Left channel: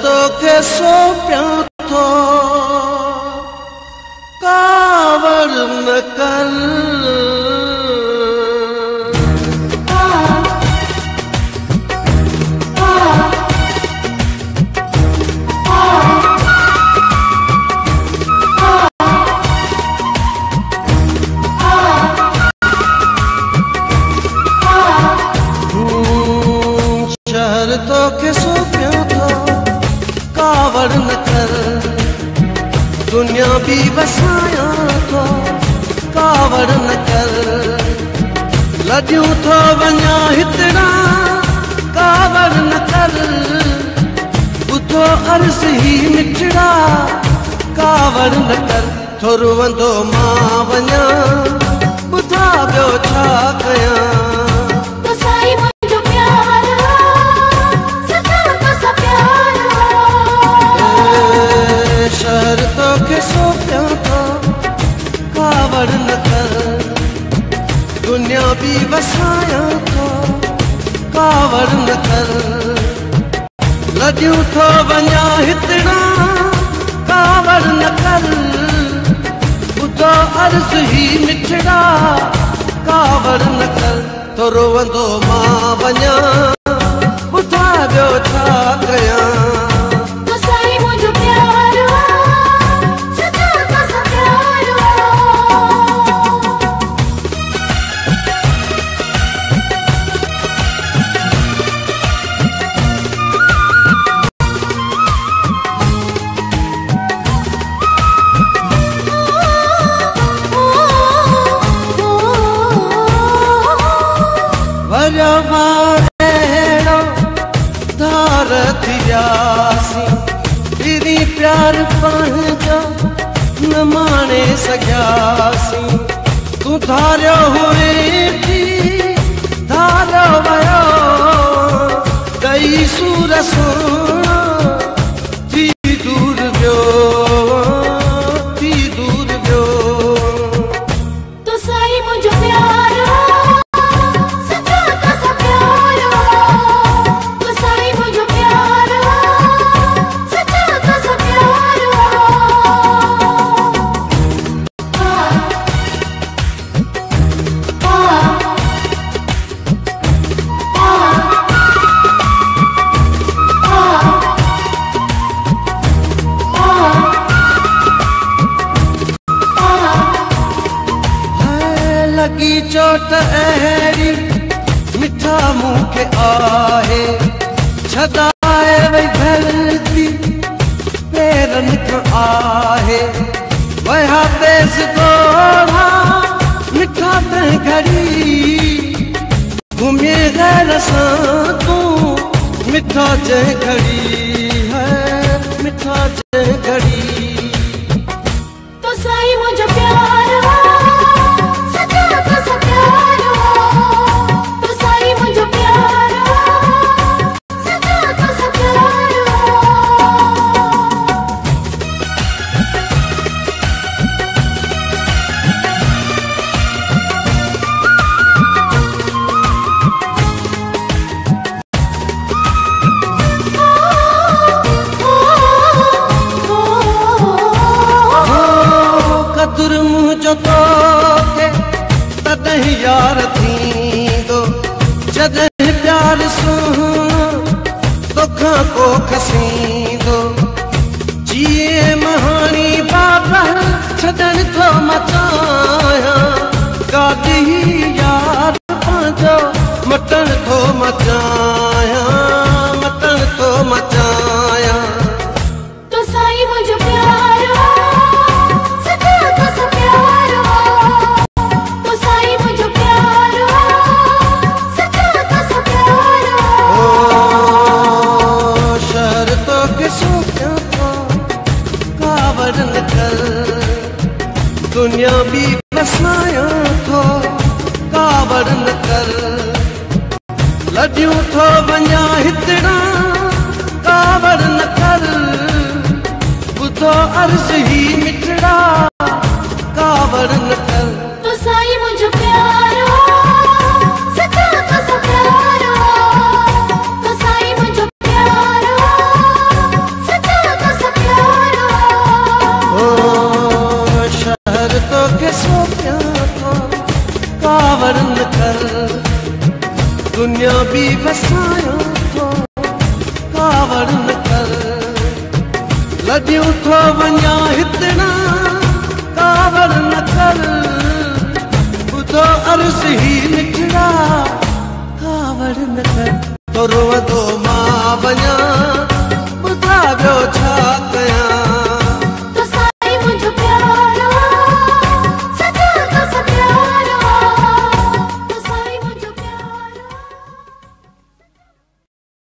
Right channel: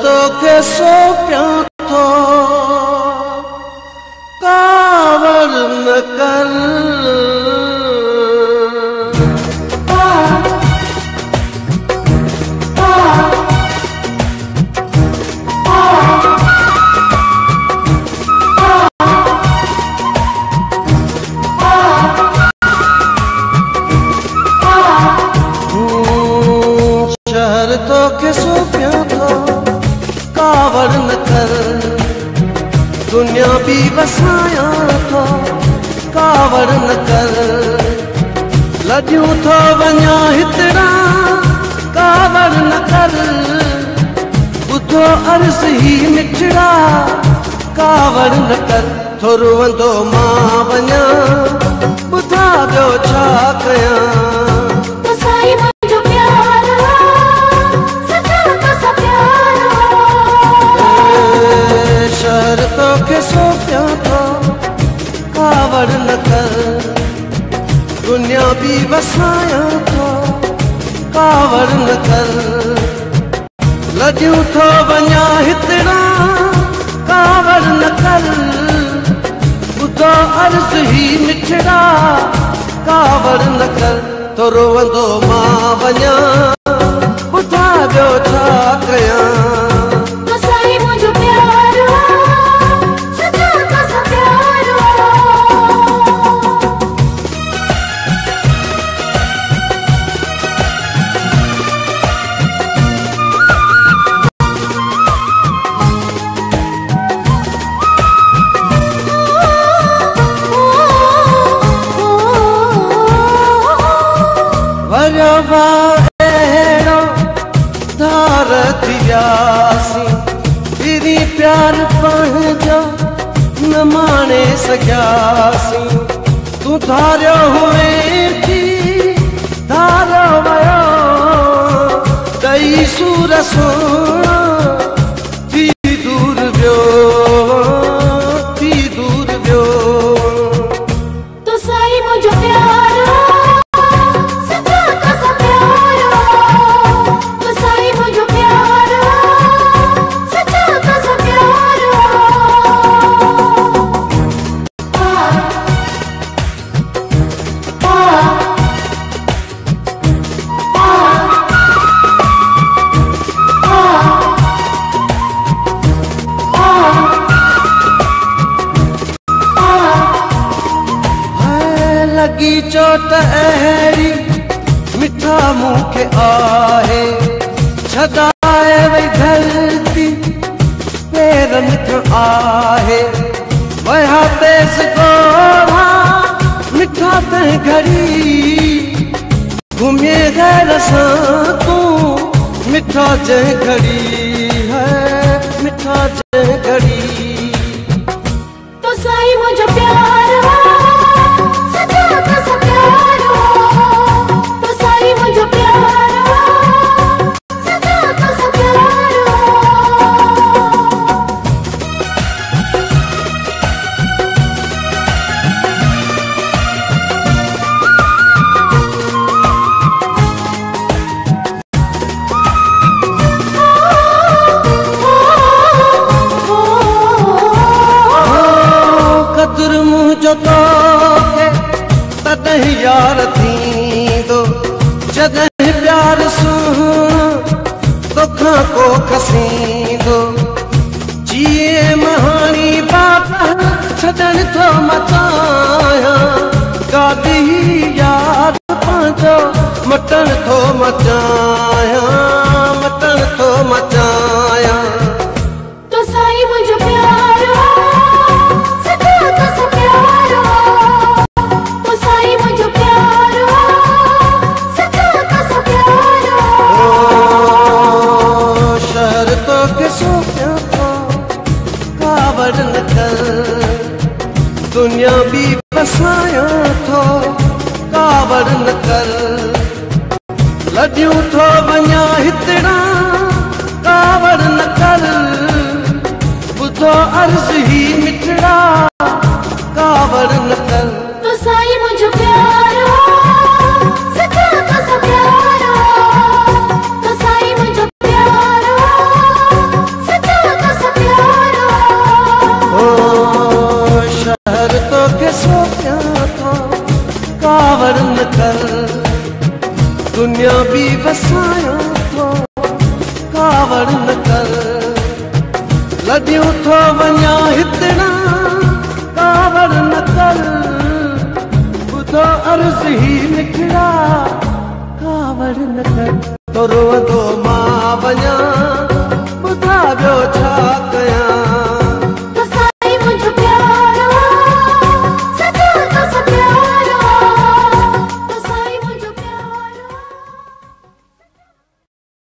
तोखे सौंपियां थो कावड़ न कर तोखे सौंपियां थो कावड़ न कर दुनिया भी वसाया थो कावड़ न कर लॼूं थो वञा हितरा कावड़ न कर ॿुधो अर्ज़ ही मिठड़ा कावड़ न कर थो रुवंदो मां वञा ॿुधा ॿियो छा कयां तोखे सौंपियां थो कावड़ न कर दुनिया भी वसाया थो कावड़ न कर लॼूं थो वञा हितरा कावड़ न कर ॿुधो अर्ज़ ही मिठड़ा कावड़ न कर थो रोवंदो मां वञा ॿुधा ॿियो छा कयां अहिड़ो धार थियासीं तेरी प्यार पंहिंजो न माणे सघियासीं तूं धारियो हुए थी धारियो वियो ॾई सूर सुहिणो थी दूर वियो थी दूर वियो तो साईं मुंहिंजो प्यार लगी चोट अहिड़ी मिठा मूंखे आहे छॾाए वई धरती पेरनि खां आहे वया तेज़ ॻोढ़ा मिठा तंहिं घड़ी घुमे गैर सां तूं मिठा जंहिं घड़ी है मिठा जंहिं घड़ी तो साईं मुंहिंजो प्यार कदुर मुंहिंजो तोखे तॾहिं यार थींदो जॾहिं प्यार सुहिणो तोखां को खसींदो जीअं महाणी बाबा छॾण थो मचायां गादी यार पंहिंजो मटण थो मचायां मटण थो मचायां तो साईं मुंहिंजो प्यार कावड़ न कर दुनिया भी वसाया थो कावड़ न कर लॼूं थो वञा हितड़ा कावड़ न कर ॿुधो अर्ज़ ही मिठड़ा कावड़ न कर तो साईं मुंहिंजो प्यार अगर तोखे सोचियां थो कावड़ न कर दुनिया भी वसायां थो कावड़ न कर लॾियूं थो वञा हितणा कावड़ न कर ॿुधो अर्ज़ ही निकिड़ा कावड़ न कर तो रोअंदो मां वञा ॿुधा ॿियो